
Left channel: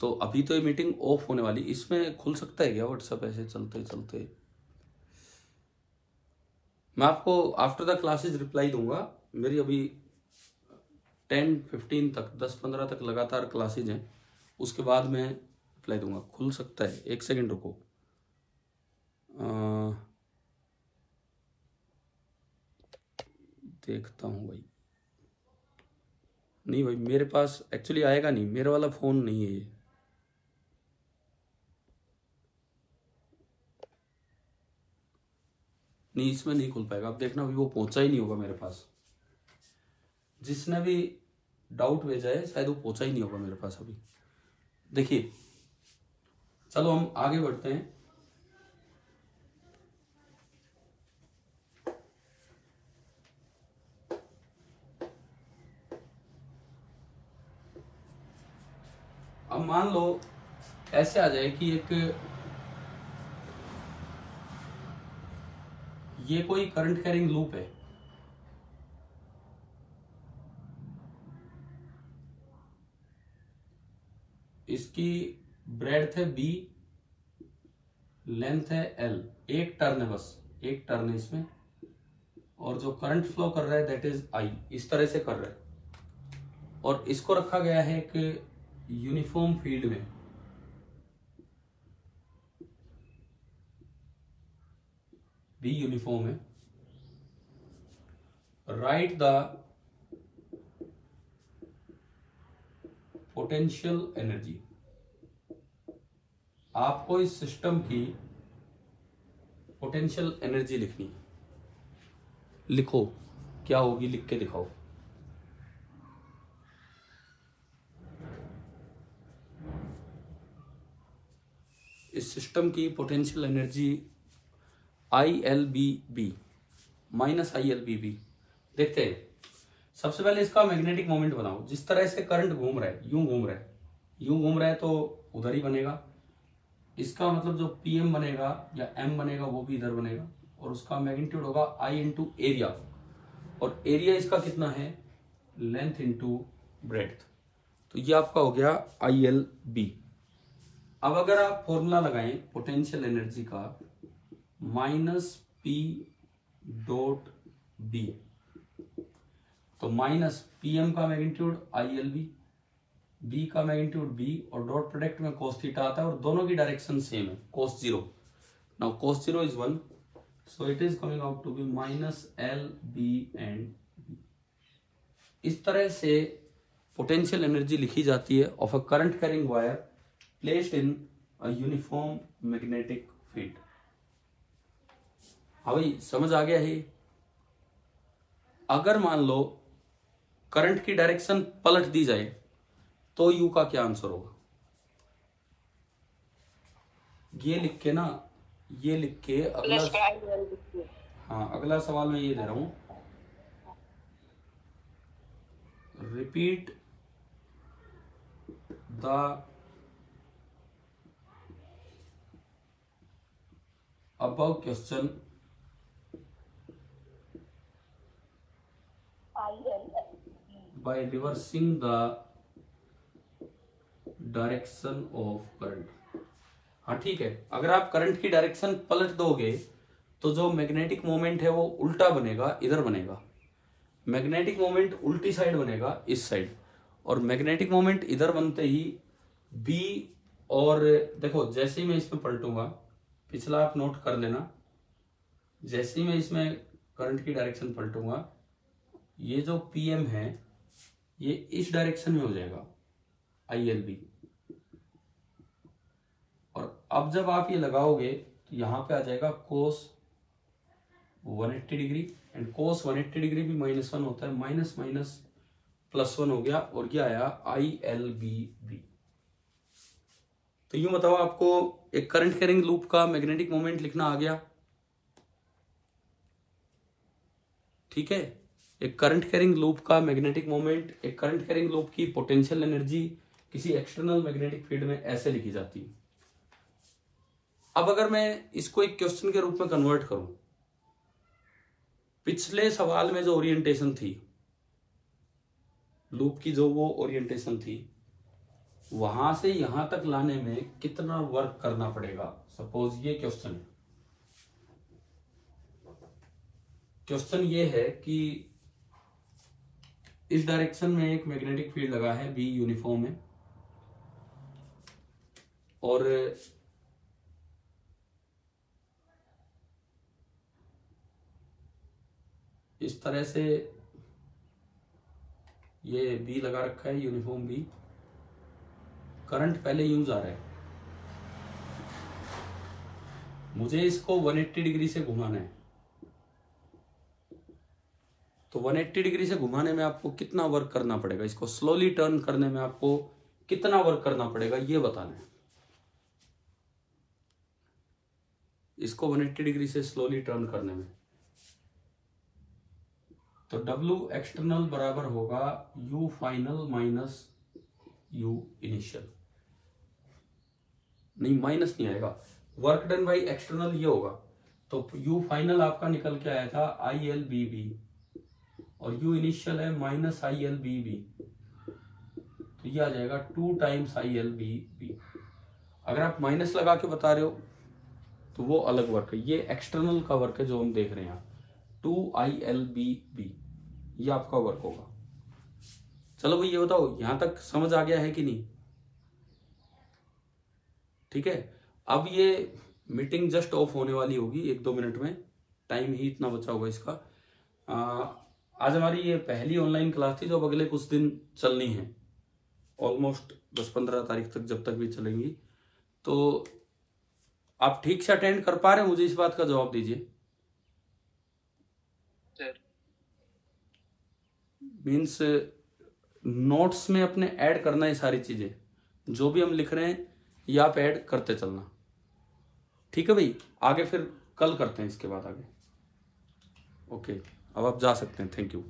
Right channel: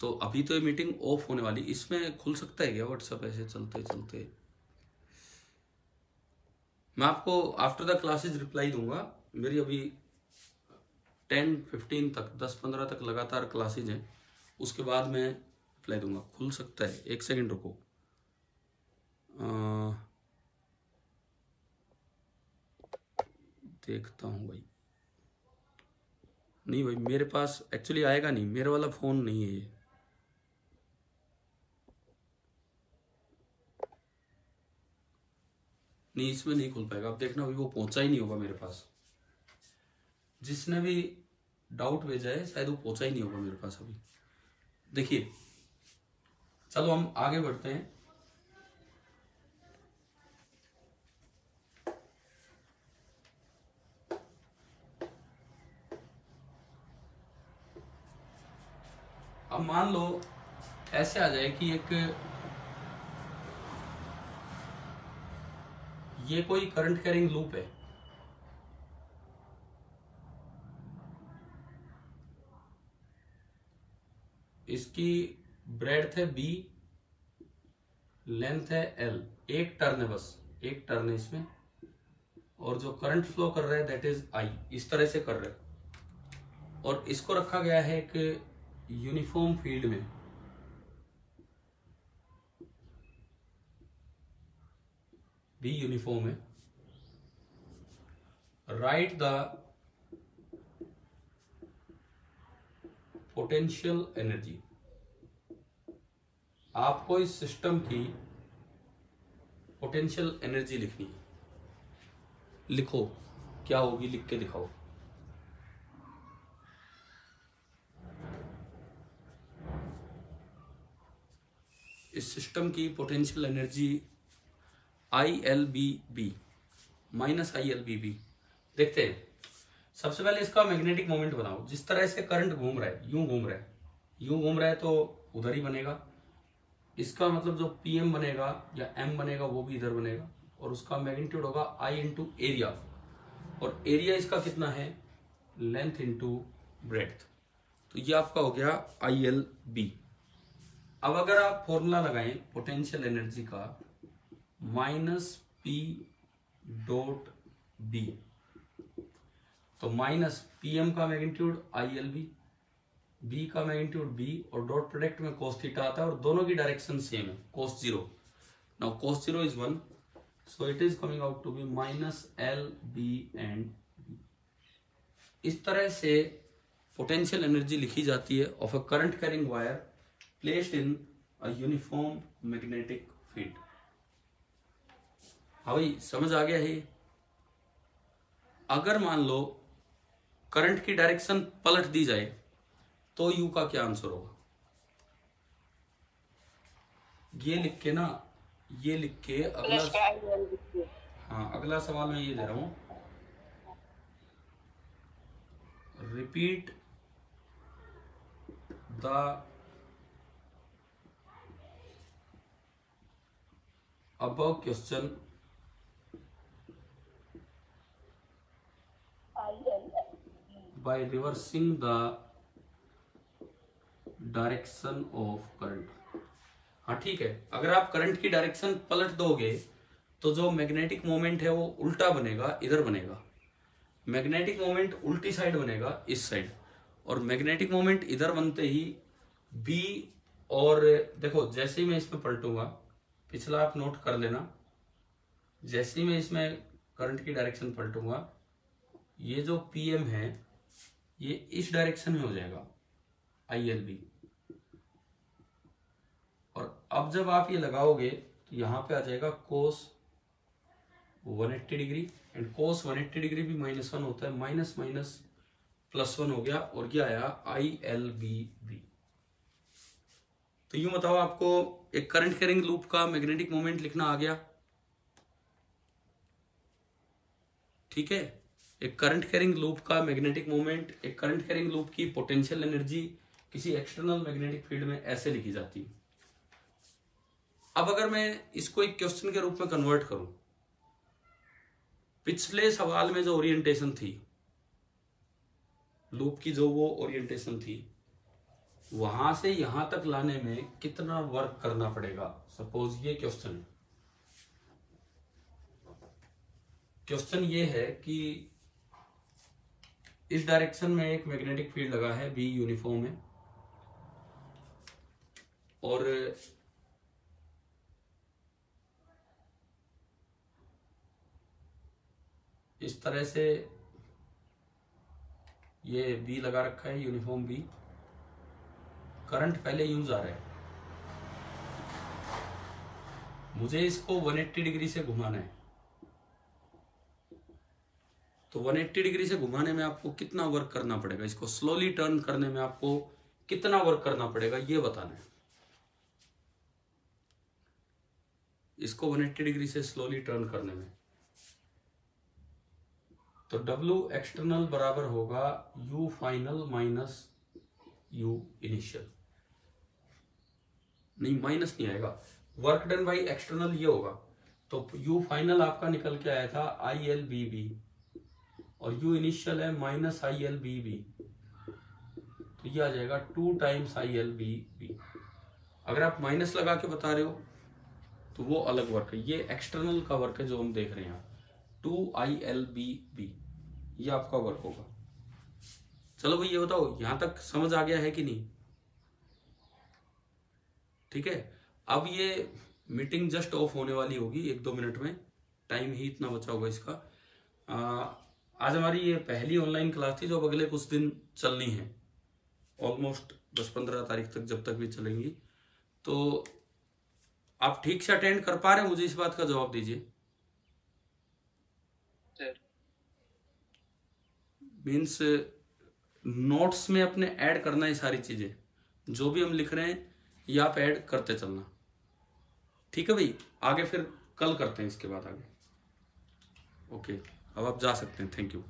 तो अभी तो ये मीटिंग ऑफ होने वाली, इसमें खुल सकता है क्या व्हाट्सएप ऐसे चलते चलते? मैं आपको आफ्टर द क्लासेस रिप्लाई दूंगा। मेरी अभी 10-15 तक 10-15 तक लगातार क्लासेज हैं, उसके बाद मैं रिप्लाई दूंगा। खुल सकता है, एक सेकेंड रुको। देखता हूँ भाई। नहीं भाई मेरे पास एक्चुअली आएगा नहीं, मेरे वाला फोन नहीं है ये। नहीं इसमें नहीं खुल पाएगा, आप देखना अभी वो पहुंचा ही नहीं होगा मेरे पास। जिसने भी डाउट भेजा है शायद वो पहुंचा ही नहीं होगा मेरे पास अभी। देखिए चलो हम आगे बढ़ते हैं। अब मान लो ऐसे आ जाए कि एक ये कोई करंट कैरिंग लूप है, इसकी ब्रेड्थ है b, लेंथ है l, एक टर्न है, बस एक टर्न है इसमें, और जो करंट फ्लो कर रहा है दैट इज I, इस तरह से कर रहा है, और इसको रखा गया है एक यूनिफॉर्म फील्ड में, B यूनिफॉर्म है। राइट द पोटेंशियल एनर्जी, आपको इस सिस्टम की पोटेंशियल एनर्जी लिखनी है। लिखो क्या होगी, लिख के दिखाओ। इस सिस्टम की potential energy ILBB minus ILBB। देखते हैं, सबसे पहले इसका मैग्नेटिक मोमेंट बनाओ। जिस तरह से करंट घूम रहा है, यूं घूम रहा है, यूं घूम रहा है तो उधर ही बनेगा। इसका मतलब जो PM बनेगा या M बनेगा वो भी इधर बनेगा, और उसका मैग्नीट्यूड होगा I इंटू एरिया, और एरिया इसका कितना है, लेंथ इंटू ब्रेड्थ। तो ये आपका हो गया ILB। अब अगर आप फॉर्मूला लगाएं पोटेंशियल एनर्जी का, माइनस P डॉट B, तो माइनस PM का मैग्नीट्यूड ILB, B का मैग्नीट्यूड B, और डॉट प्रोडक्ट में cos थीटा आता है, और दोनों की डायरेक्शन सेम है, cos 0। Now cos 0 is 1, so it is coming out to be minus LB and B। इस तरह से पोटेंशियल एनर्जी लिखी जाती है of a current carrying wire placed in a uniform magnetic field. हाँ भाई, समझ आ गया है। अगर मान लो करंट की डायरेक्शन पलट दी जाए तो यू का क्या आंसर होगा, ये लिख के ना, ये लिख के अगला, हाँ अगला सवाल मैं ये दे रहा हूं, repeat the above question by reversing the direction of current। हाँ ठीक है, अगर आप करंट की डायरेक्शन पलट दोगे तो जो मैग्नेटिक मोमेंट है वो उल्टा बनेगा, इधर बनेगा। मैग्नेटिक मोमेंट उल्टी साइड बनेगा, इस साइड, और मैग्नेटिक मोमेंट इधर बनते ही B, और देखो जैसे ही मैं इसमें पलटूंगा, पिछला आप नोट कर लेना, जैसे ही मैं इसमें करंट की डायरेक्शन पलटूंगा, ये जो PM है ये इस डायरेक्शन में हो जाएगा ILB, और अब जब आप ये लगाओगे तो यहां पे आ जाएगा cos 180 degree, and cos 180 degree भी -1 होता है, माइनस माइनस +1 हो गया, और क्या आया ILBB। तो यूं बताओ, आपको एक करंट कैरिंग लूप का मैग्नेटिक मोमेंट लिखना आ गया, ठीक है। एक करंट कैरिंग लूप का मैग्नेटिक मोमेंट, एक करंट कैरिंग लूप की पोटेंशियल एनर्जी किसी एक्सटर्नल मैग्नेटिक फील्ड में ऐसे लिखी जाती है। अब अगर मैं इसको एक क्वेश्चन के रूप में कन्वर्ट करूं, पिछले सवाल में जो ओरिएंटेशन थी लूप की, जो वो ओरिएंटेशन थी, वहां से यहां तक लाने में कितना वर्क करना पड़ेगा। सपोज ये क्वेश्चन है, क्वेश्चन ये है कि इस डायरेक्शन में एक मैग्नेटिक फील्ड लगा है, B यूनिफॉर्म है, और इस तरह से ये B लगा रखा है, यूनिफॉर्म B, करंट पहले यूं जा रहा है, मुझे इसको 180 डिग्री से घुमाना है। तो 180 डिग्री से घुमाने में आपको कितना वर्क करना पड़ेगा, इसको स्लोली टर्न करने में आपको कितना वर्क करना पड़ेगा, ये बताना है। इसको 180 डिग्री से स्लोली टर्न करने में, तो W एक्सटर्नल बराबर होगा U final minus U initial. नहीं, माइनस नहीं आएगा, वर्क डन बाई एक्सटर्नल ये होगा। तो यू फाइनल आपका निकल के आया था ILBB और यू इनिशियल है -ILBB, तो ये आ जाएगा 2 टाइम्स ILBB। अगर आप माइनस लगा के बता रहे हो तो वो अलग वर्क है, ये एक्सटर्नल का वर्क है जो हम देख रहे हैं। 2 ILBB ये आपका वर्क होगा। चलो भाई ये बताओ यहां तक समझ आ गया है कि नहीं? ठीक है, अब ये मीटिंग जस्ट ऑफ होने वाली होगी 1-2 मिनट में, टाइम ही इतना बचा होगा इसका। आज हमारी ये पहली ऑनलाइन क्लास थी जो अब अगले कुछ दिन चलनी है, ऑलमोस्ट 10-15 तारीख तक जब तक भी चलेंगी। तो आप ठीक से अटेंड कर पा रहे हैं? मुझे इस बात का जवाब दीजिए। मीन्स नोट्स में अपने ऐड करना है सारी चीजें, जो भी हम लिख रहे हैं ये आप ऐड करते चलना। ठीक है भाई, आगे फिर कल करते हैं इसके बाद आगे। ओके, अब आप जा सकते हैं। Thank you.